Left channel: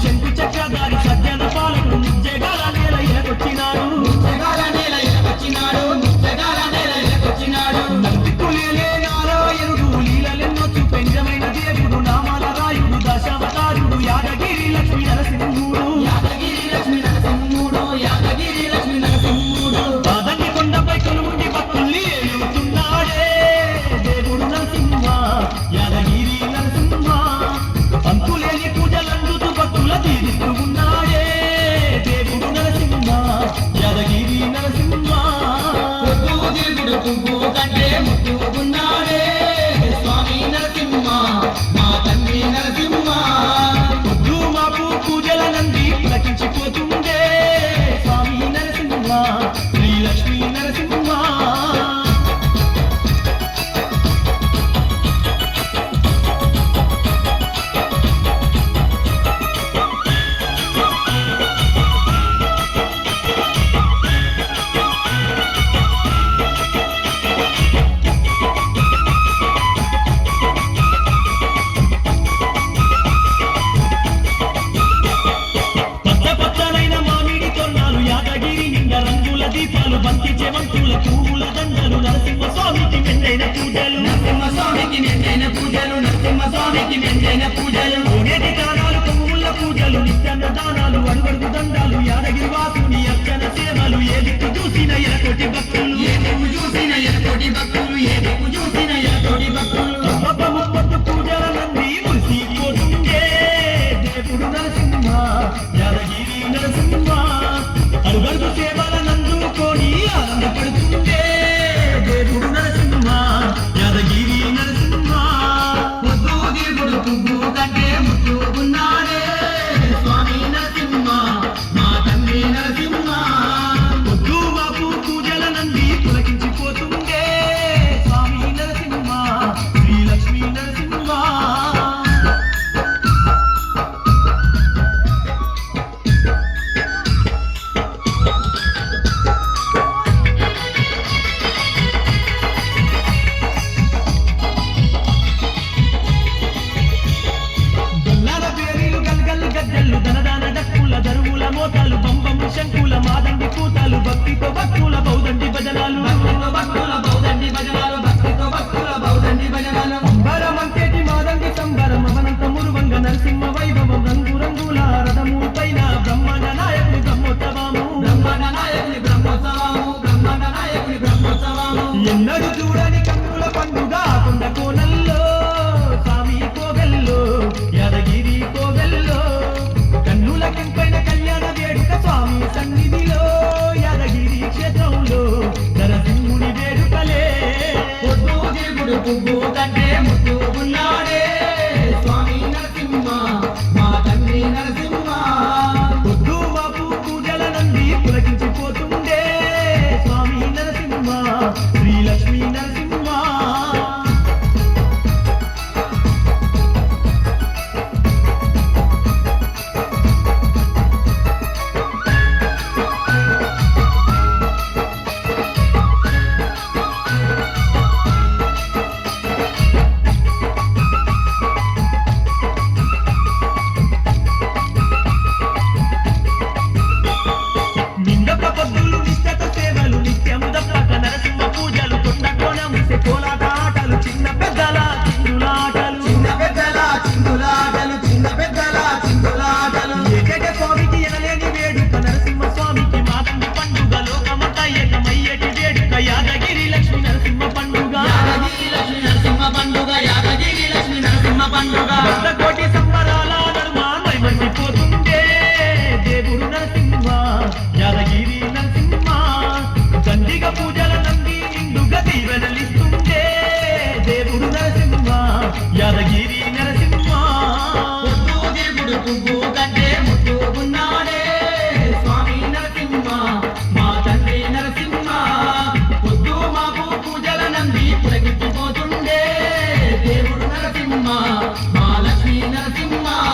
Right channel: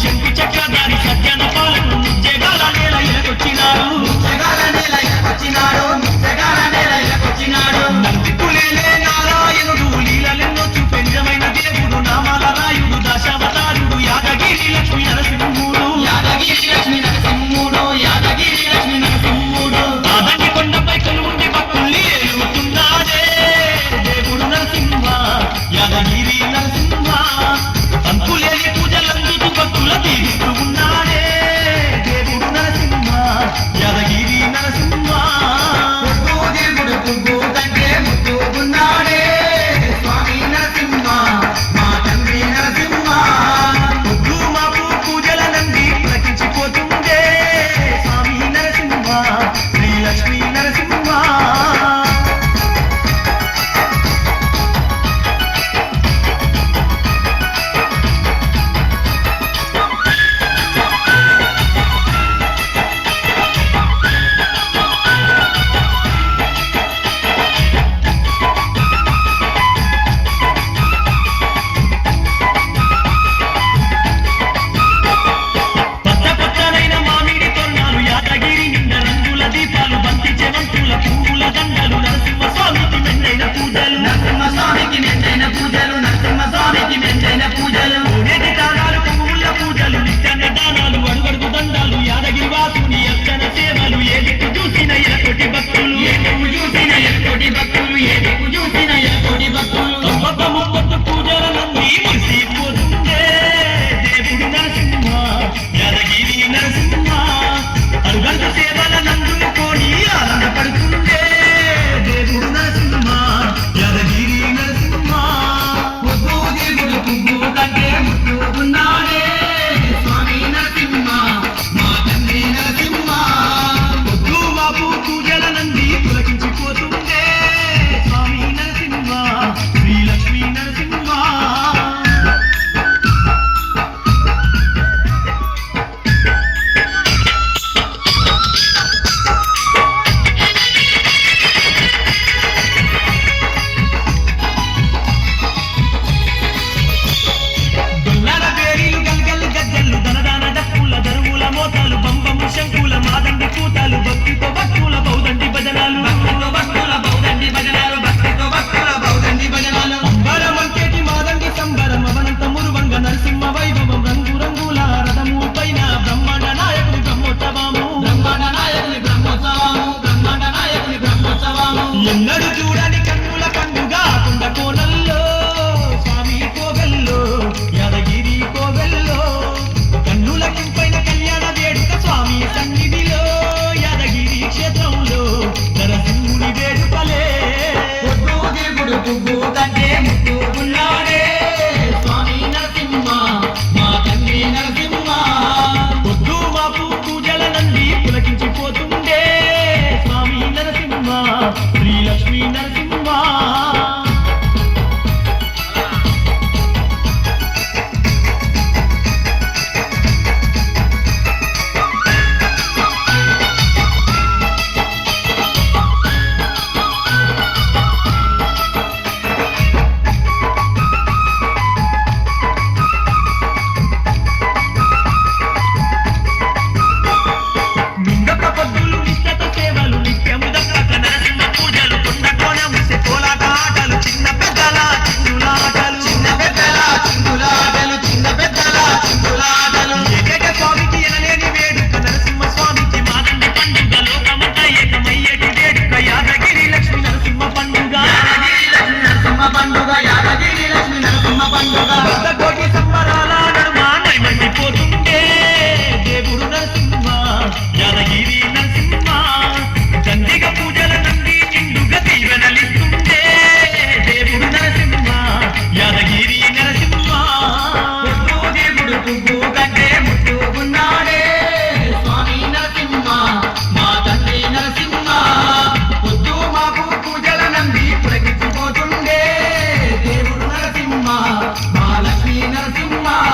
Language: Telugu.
చెంపి చక్రధారి యాదగిరి నరసింహ అనుబంధ సేవల నందు కోడి ఆనందపడుతుండే మున్నడు చూడని కన్నుల పండుగ కొండ కోనల్లో స్వామి కోవెల్లో యాదగిరి కోవెల్లో కన్నుల కంపైన కళ్యాణ వేడుక స్వామి సన్నిధిలో యాదగిరి క్షేత్రంలో నరసింహుని వేడుకలే. పొద్దు ఉన్నాడే స్వామి నరసింహ మా తండ్రి నరసింహ.